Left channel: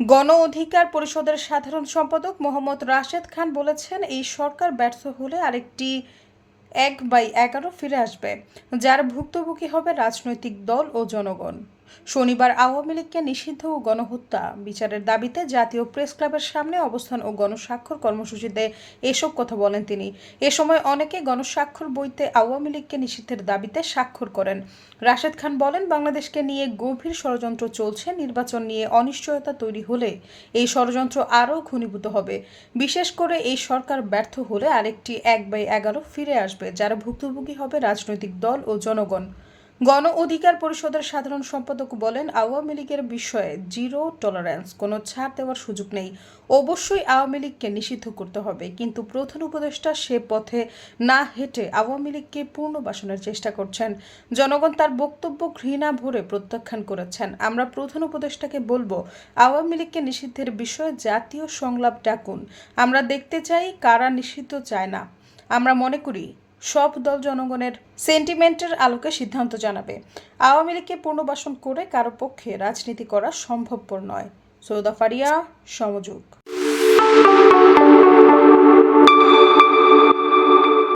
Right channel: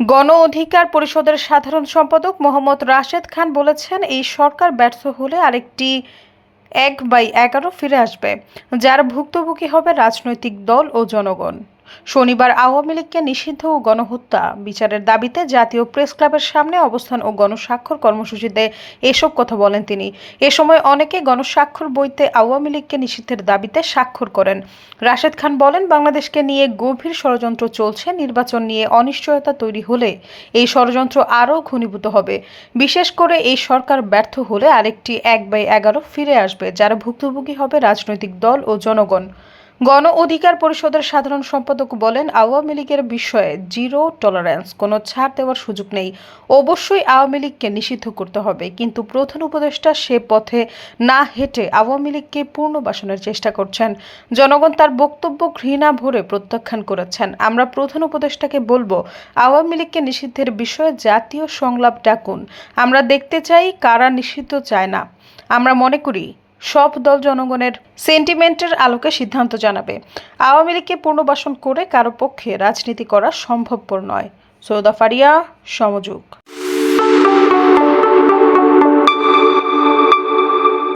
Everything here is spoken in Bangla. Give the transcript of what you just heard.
গণ অধিকার পরিষদের সাধারণ সম্পাদক মোহাম্মদ রাশেদ খান বলেছেন, এই সরকার ব্যর্থ হলে আরেকটি এক বাই এগারো ফিরে আসবে, যার ভুক্তভোগী হবে রাজনৈতিক দল ও জনগণ। শনিবার আওয়ামী লীগকে নিষিদ্ধ ও গণহত্যা। বিচারের দাবিতে জাতীয় প্রেস ক্লাবের সামনে অবস্থান ও গণস্বাক্ষর কর্মসূচিতে এসব কথা বলেন তিনি। এ সময় অনেকে গণস্বাক্ষর বইতে আওয়ামী লীগকে নিষিদ্ধের দাবিতে স্বাক্ষর করেন। রাশেদ খান বলেন, বাংলাদেশকে নিয়ে গভীর ষড়যন্ত্র চলছে, নির্বাচন নিয়ে অনিশ্চয়তা তৈরি হলে এই ষড়যন্ত্র আরও ঘনীভূত হবে। বিশেষ করে এই সরকার ব্যর্থ হলে আরেকটি এক বাই এগারো ফিরে আসবে, যারা ভুক্তভোগী হবে রাজনৈতিক দল ও জনগণ। গণ অধিকার পরিষদের সাধারণ সম্পাদক বলেন, আওয়ামী লীগের বিষয়ে জিরো টলারেন্স কোনো ছাড় দেওয়ার সুযোগ নেই। অবশ্যই আওয়ামী লীগকে নিষিদ্ধ করতে হবে, কিন্তু প্রধান উপদেষ্টা সে পথে না হেঁটে আওয়ামী লীগকে পুনর্বাসনের চেষ্টা করছেন। জনগণ তার বক্তব্য ঘৃণা ভরে প্রত্যাখ্যান করেছেন। আমরা প্রধান উপদেষ্টাকে বলব, আওয়ামী লীগকে নিষিদ্ধের বিষয়ে জাতীয় সংলাপ ডাকুন। আমরা দেখতে চাই কারা নিষিদ্ধ চায় না। আমরা মনে করি সব দল জনগণের সেন্টিমেন্টের আলোকে সিদ্ধান্ত জানাবে। আওয়ামী লীগকে পুনর্বাসন করে কারও পক্ষে রাজনীতি করা সম্ভবপর নয়। সৌদা ফারিয়া, সমযোগ।